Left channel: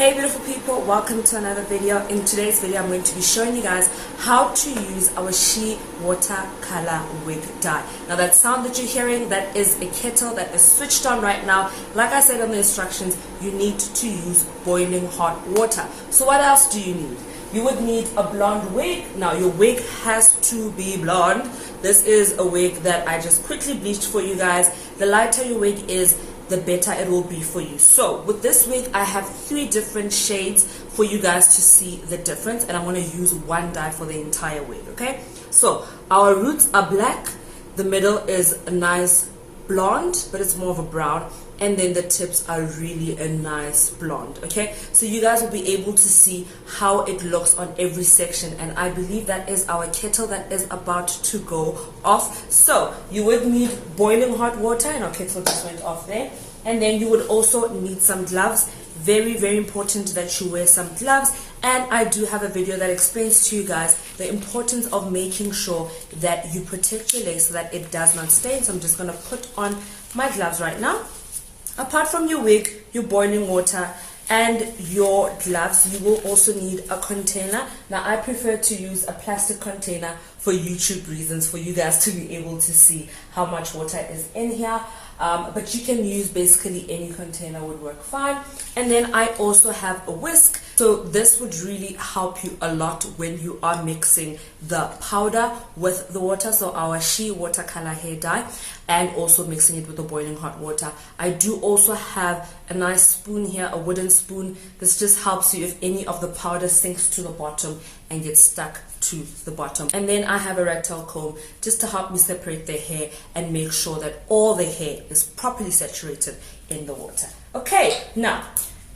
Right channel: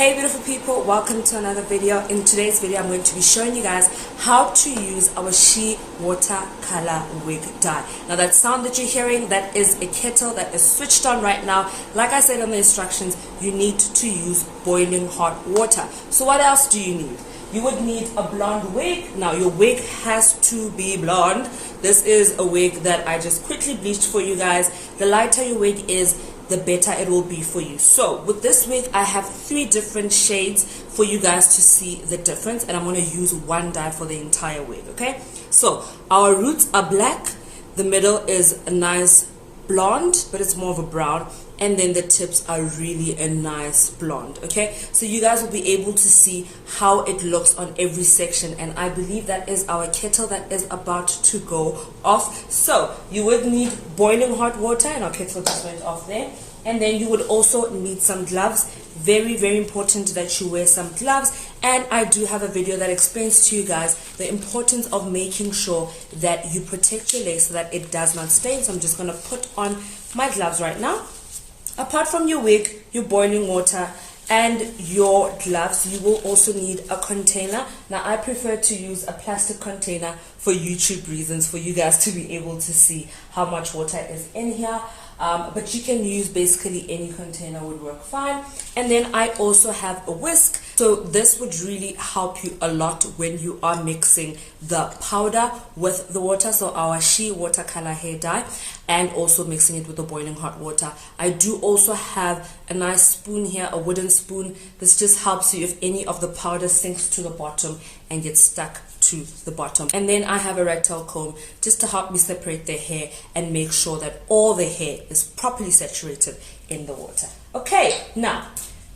Hey beautiful people, welcome to another video. In today's video I'm going to be showing you guys how to use our S.H.E watercolor wig dye. Now that sound that you're hearing, that is a kettle that is switched on right now. Like I said on the instructions, you need to use boiling hot water. So what else do you need? You would need a blonde wig. Now your wig has to be blonde. This is a wig that I just quickly bleached for you guys. The lighter your wig is, the better it will be for you. So with this wig I have 3 different shades for you guys to see the difference, and I'm going to use one dye for the entire wig. Okay, so our roots are black, the middle is a nice blonde but it's more of a brown, and then the tips are really a nice blonde. Okay, so you guys will be able to see how it looks on every section, and I believe that is our kettle that is about to go off. So you would need boiling hot water, and our kettle just went off there. And then you would also need some gloves. Very, very important that you wear some gloves. And I do have a video that explains to you guys the importance of making sure that you protect your lace so that it does not stain. So I'm just going to put on my gloves right now. Apart from your wig, your boiling water, and your gloves, you will also need a container. Now I prefer to use a plastic container for YouTube reasons, for you guys to be able to see how much water is in here. But you can use basically any container, would work fine. And then I also have a whisk. So this would really help you a lot when you are mixing the powder with the water. So our S.H.E watercolor hair dye, and also mixing it with the boiling hot water. I do also have a nice spoon here, a wooden spoon. This just helps you if any of the powder sinks to the bottom and gets stuck to the bottom. And then I have a rat tail comb just to help me separate the hair and make sure that all the hair is properly saturated in the water. Okay, now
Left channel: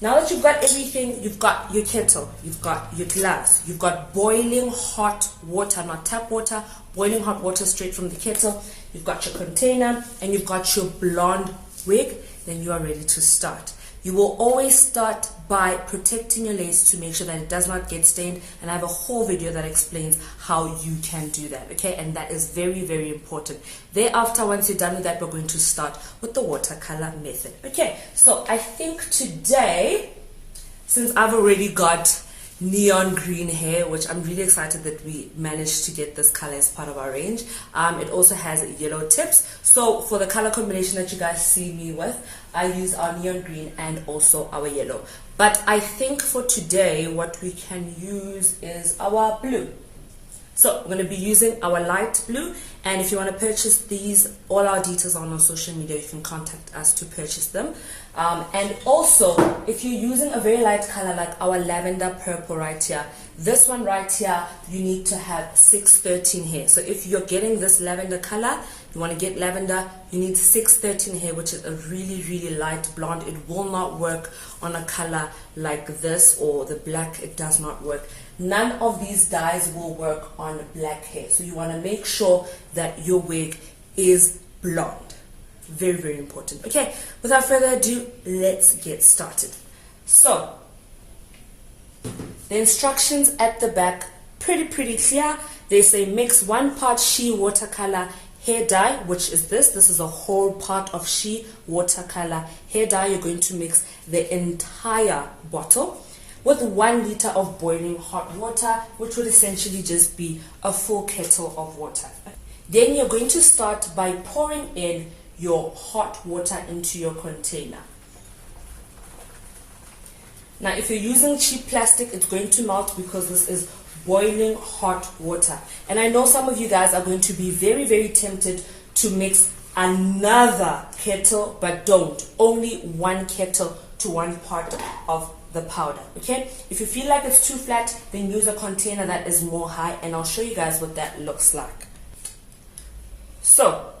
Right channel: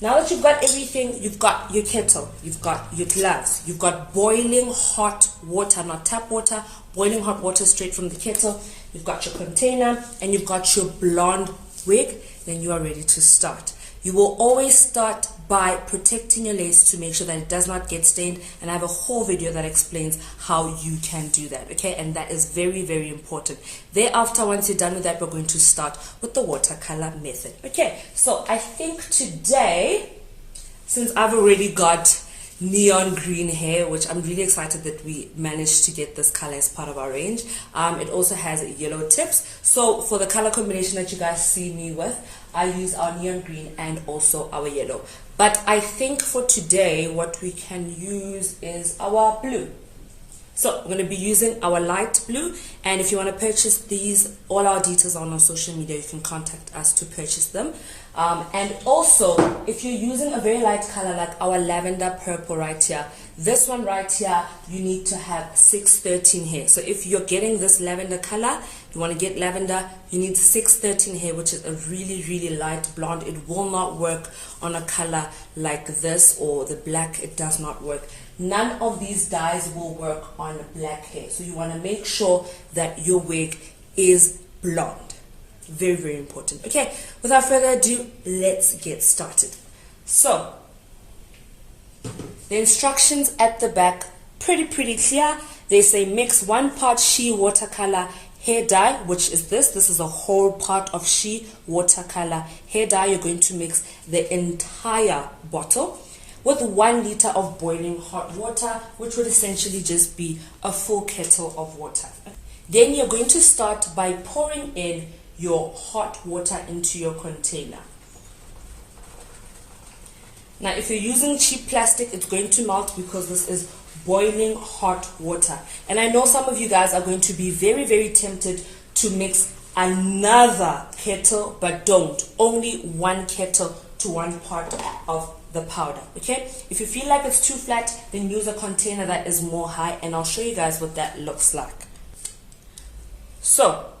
that you've got everything, you've got your kettle, you've got your gloves, you've got boiling hot water, not tap water, boiling hot water straight from the kettle, you've got your container, and you've got your blonde wig, then you are ready to start. You will always start by protecting your lace to make sure that it does not get stained, and I have a whole video that explains how you can do that, okay? And that is very, very important. Thereafter, once you're done with that, we're going to start with the watercolor method. Okay, so I think today, since I've already got neon green hair, which I'm really excited that we managed to get this color as part of our range. It also has yellow tips. So for the color combination that you guys see me with, I use our neon green and also our yellow. But I think for today, what we can use is our blue. So we're going to be using our light blue, and if you want to purchase these, all our details are on our social media. You can contact us to purchase them. And also, if you're using a very light color like our lavender purple right here, this one right here, you need to have 613 hair. So if you're getting this lavender color, you want to get lavender, you need 613 hair, which is a really, really light blonde. It will not work on a color like this or the black. It does not work. None of these dyes will work on black hair. So you want to make sure that your wig is blonde. Very, very important. Okay, without further ado, let's get started. So, the instructions at the back, pretty clear. They say mix 1 part S.H.E watercolor hair dye, which is this. This is a whole part of S.H.E watercolor hair dye. You're going to mix the entire bottle with 1 liter of boiling hot water, which would essentially just be a full kettle of water. Then you're going to start by pouring in your hot water into your container. Now if you're using cheap plastic, it's going to melt because this is boiling hot water. And I know some of you guys are going to be very, very tempted to mix another kettle, but don't. Only 1 kettle to 1 part of the powder. Okay, if you feel like it's too flat, then use a container that is more high, and I'll show you guys what that looks like. So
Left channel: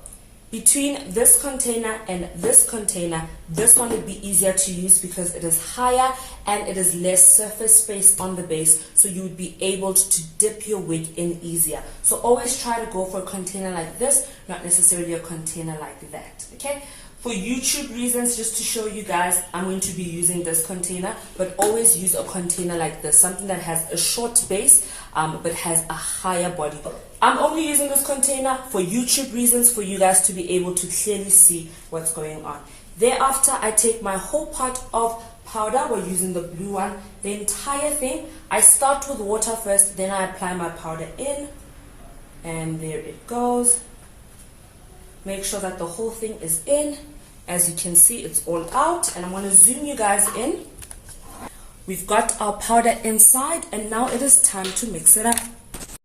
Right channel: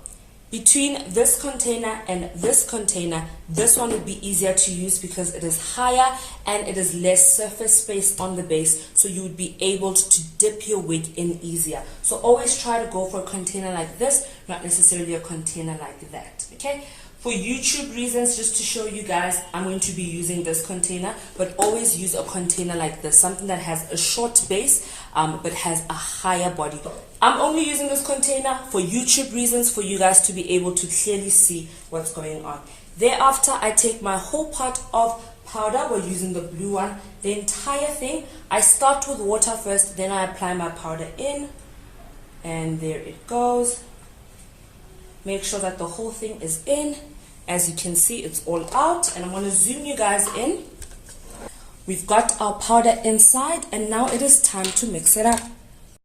between this container and this container, this one would be easier to use because it is higher and it is less surface space on the base, so you would be able to dip your wig in easier. So always try to go for a container like this, not necessarily a container like that. Okay, for YouTube reasons, just to show you guys, I'm going to be using this container, but always use a container like this, something that has a short base but has a higher body. I'm only using this container for YouTube reasons, for you guys to be able to clearly see what's going on. Thereafter, I take my whole pot of powder. We're using the blue one. The entire thing, I start with water first, then I apply my powder in, and there it goes. Make sure that the whole thing is in. As you can see, it's all out, and I'm going to zoom you guys in. We've got our powder inside, and now it is time to mix it up.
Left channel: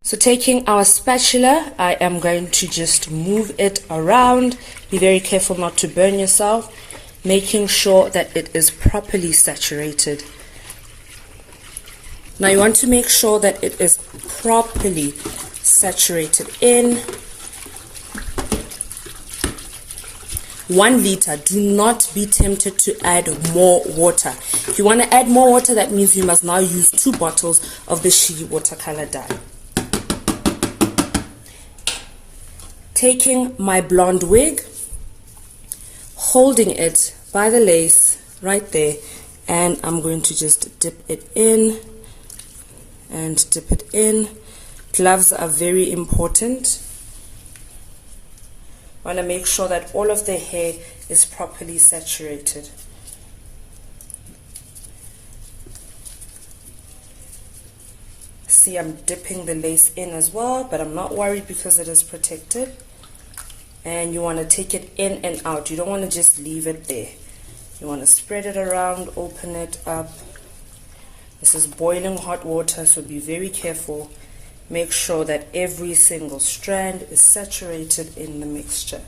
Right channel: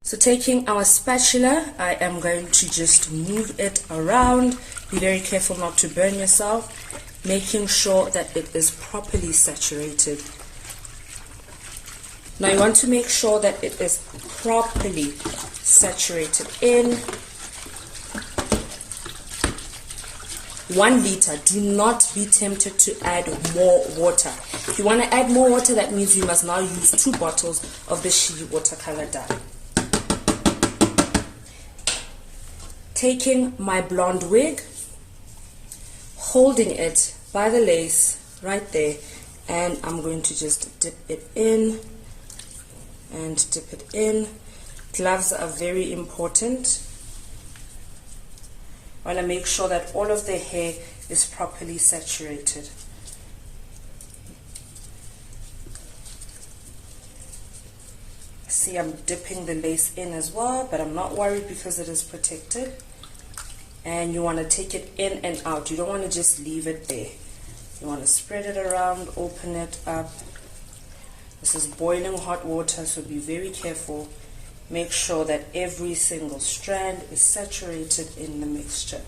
So taking our spatula, I am going to just move it around. Be very careful not to burn yourself. Making sure that it is properly saturated. Now you want to make sure that it is properly saturated in. 1 liter. Do not be tempted to add more water. If you want to add more water, that means you must now use 2 bottles of the S.H.E watercolor dye. Taking my blonde wig, holding it by the lace right there, and I'm going to just dip it in and dip it in. Gloves are very important. I want to make sure that all of the hair is properly saturated. See, I'm dipping the lace in as well, but I'm not worried because it is protected. And you want to take it in and out. You don't want to just leave it there. You want to spread it around, open it up. This is boiling hot water, so be very careful. Make sure that every single strand is saturated in the mixture.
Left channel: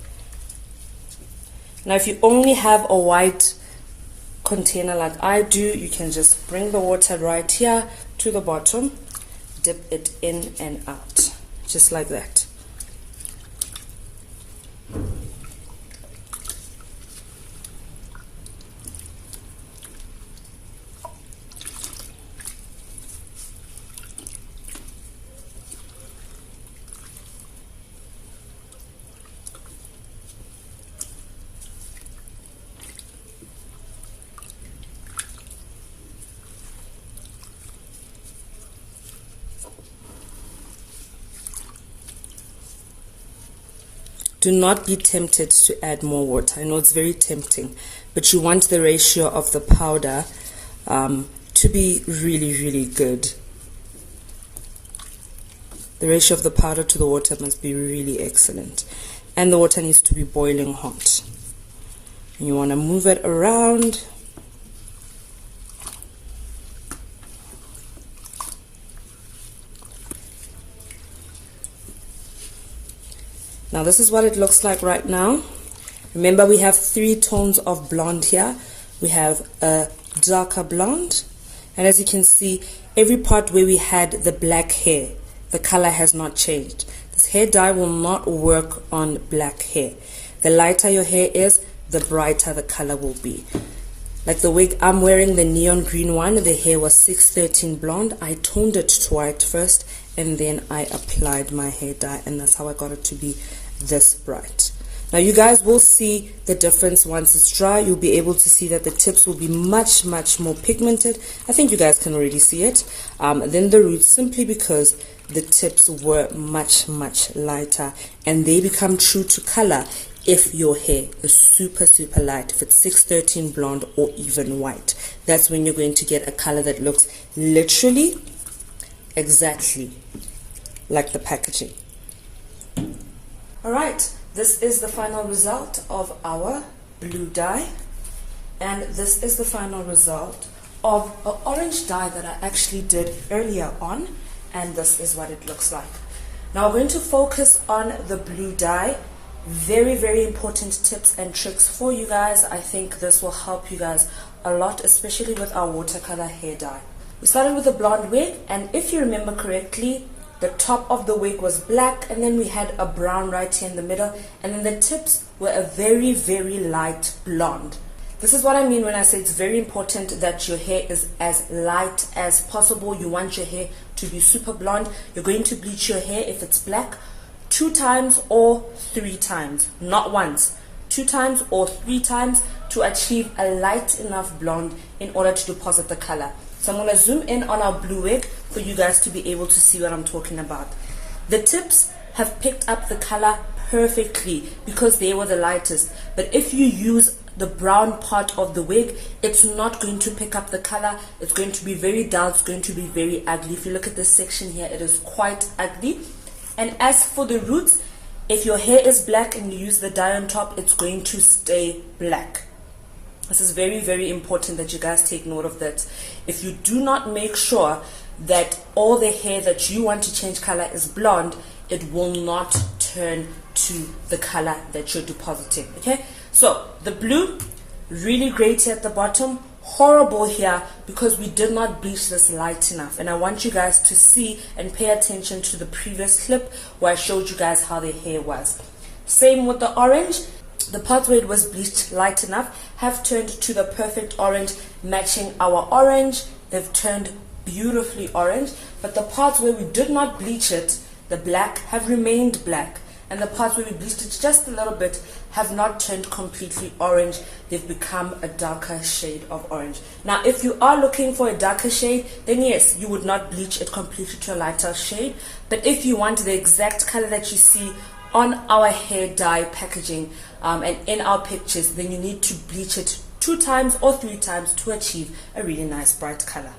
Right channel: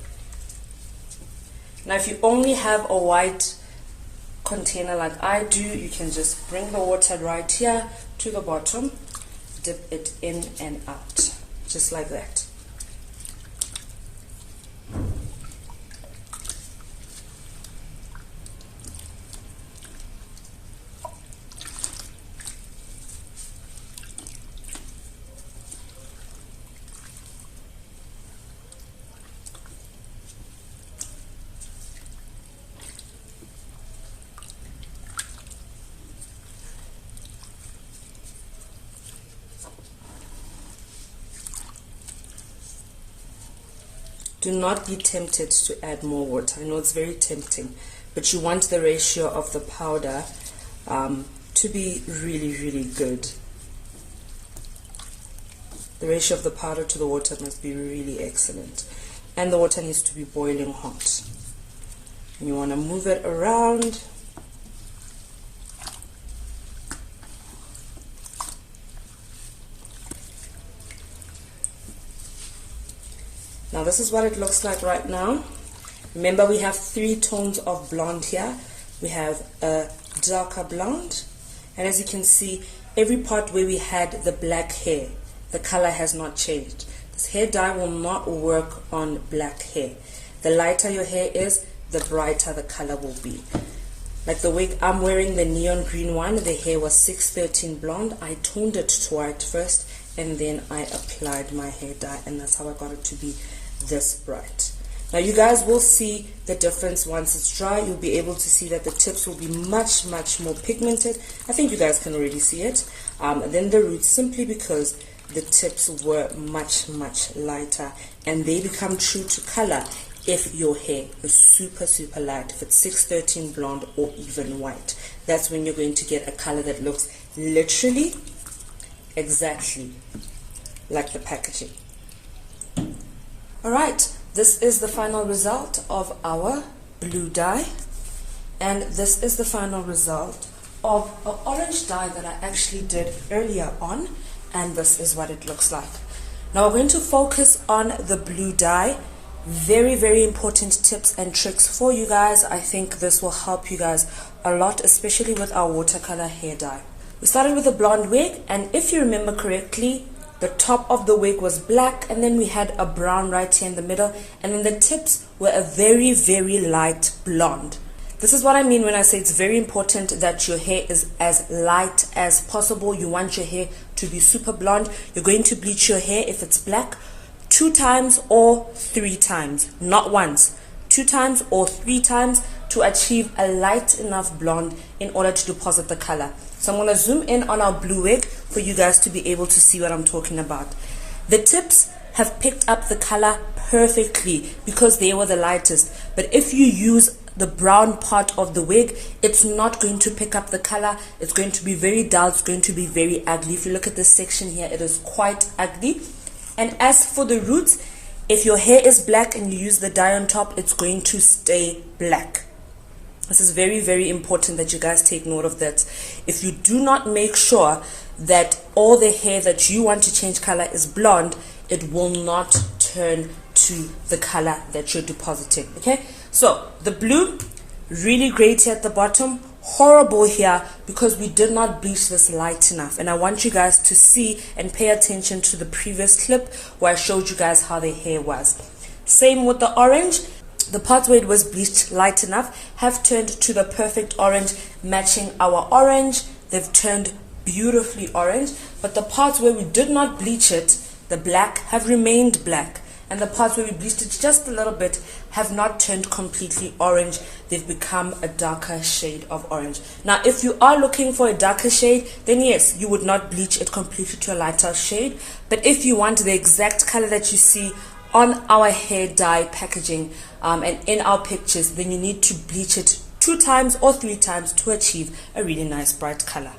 Now, if you only have a white container like I do, you can just bring the water right here to the bottom, dip it in and out, just like that. Do not be tempted to add more water. I know it's very tempting, but you want the ratio of the powder to be really, really good. The ratio of the powder to the water must be really excellent. And the water needs to be boiling hot. And you want to move it around. Now this is what it looks like right now. Remember, we have 3 tones of blonde here. We have a darker blonde, and as you can see, every part where we had the black hair, the color has not changed. This hair dye will not work on black hair. The lighter your hair is, the brighter the color will be. Like the wig I'm wearing, the neon green one, the hair was 613 blonde. I toned it to white first, and then I applied my hair dye, and that's how I got it to be this bright. Now you guys will see the difference once it's dry. You'll be able to see that the tips will be much more pigmented. I think you guys can already see it. Then the roots, simply because the tips were much lighter, and they become true to color if your hair is super light. If it's 613 blonde or even white, that's when you're going to get a color that looks literally exactly like the packaging. Alright, this is the final result of our blue dye, and this is the final result of an orange dye that I actually did earlier on, and this is what it looks like. Now we're going to focus on the blue dye. Very important tips and tricks for you guys. I think this will help you guys a lot, especially with our watercolor hair dye. We started with a blonde wig, and if you remember correctly, the top of the wig was black, and then we had a brown right here in the middle, and then the tips were a very light blonde. This is what I mean when I say it's very important that your hair is as light as possible. You want your hair to be super blonde. You're going to bleach your hair, if it's black, 2 times or 3 times, not once. 2 times or 3 times to achieve a light enough blonde in order to deposit the color. So I'm going to zoom in on our blue wig for you guys to be able to see what I'm talking about. The tips have picked up the color perfectly because they were the lightest. But if you use the brown part of the wig, it's not going to pick up the color. It's going to be very dull. It's going to be very ugly. If you look at this section here, it is quite ugly. And as for the roots, if your hair is black and you use the dye on top, it's going to stay black. This is very, very important that you guys take note of that. If you do not make sure that all the hair that you want to change color is blonde, it will not turn to the color that you're depositing. Okay, so the blue, really great here at the bottom, horrible here because we did not bleach this light enough. And I want you guys to see and pay attention to the previous clip where I showed you guys how the hair was. Same with the orange. The parts where it was bleached light enough have turned to the perfect orange, matching our orange. They've turned beautifully orange. But the parts where we did not bleach it, the black, have remained black. And the parts where we bleached it just a little bit have not turned completely orange. They've become a darker shade of orange. Now, if you are looking for a darker shade, then yes, you would not bleach it completely to a lighter shade. But if you want the exact color that you see on our hair dye packaging and in our pictures, then you need to bleach it 2 times or 3 times to achieve a really nice bright color.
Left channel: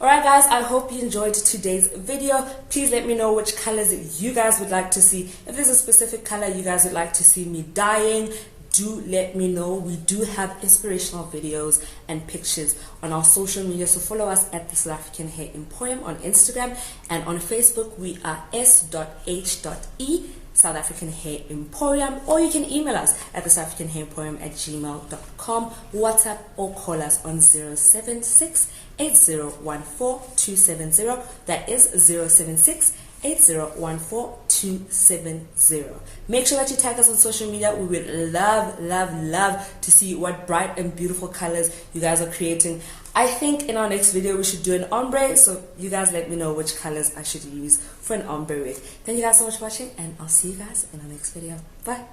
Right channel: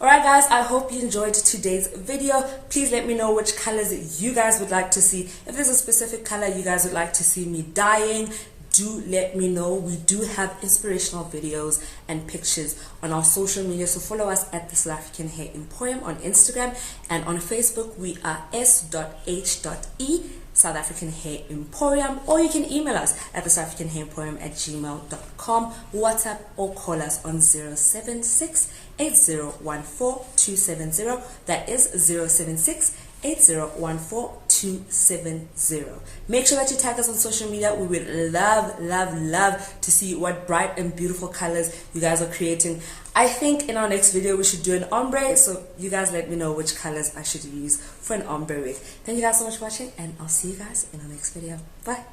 Alright guys, I hope you enjoyed today's video. Please let me know which colors you guys would like to see. If there's a specific color you guys would like to see me dyeing, do let me know. We do have inspirational videos and pictures on our social media, so follow us at the South African Hair Emporium on Instagram, and on Facebook we are S.H.E South African Hair Emporium, or you can email us at the South African Hair Emporium at gmail.com, WhatsApp or call us on 076 8014 270. That is 076 8014 270. Make sure that you tag us on social media. We would love to see what bright and beautiful colors you guys are creating. I think in our next video we should do an ombre, so you guys let me know which colors I should use for an ombre wig. Thank you guys so much for watching, and I'll see you guys in our next video. Bye.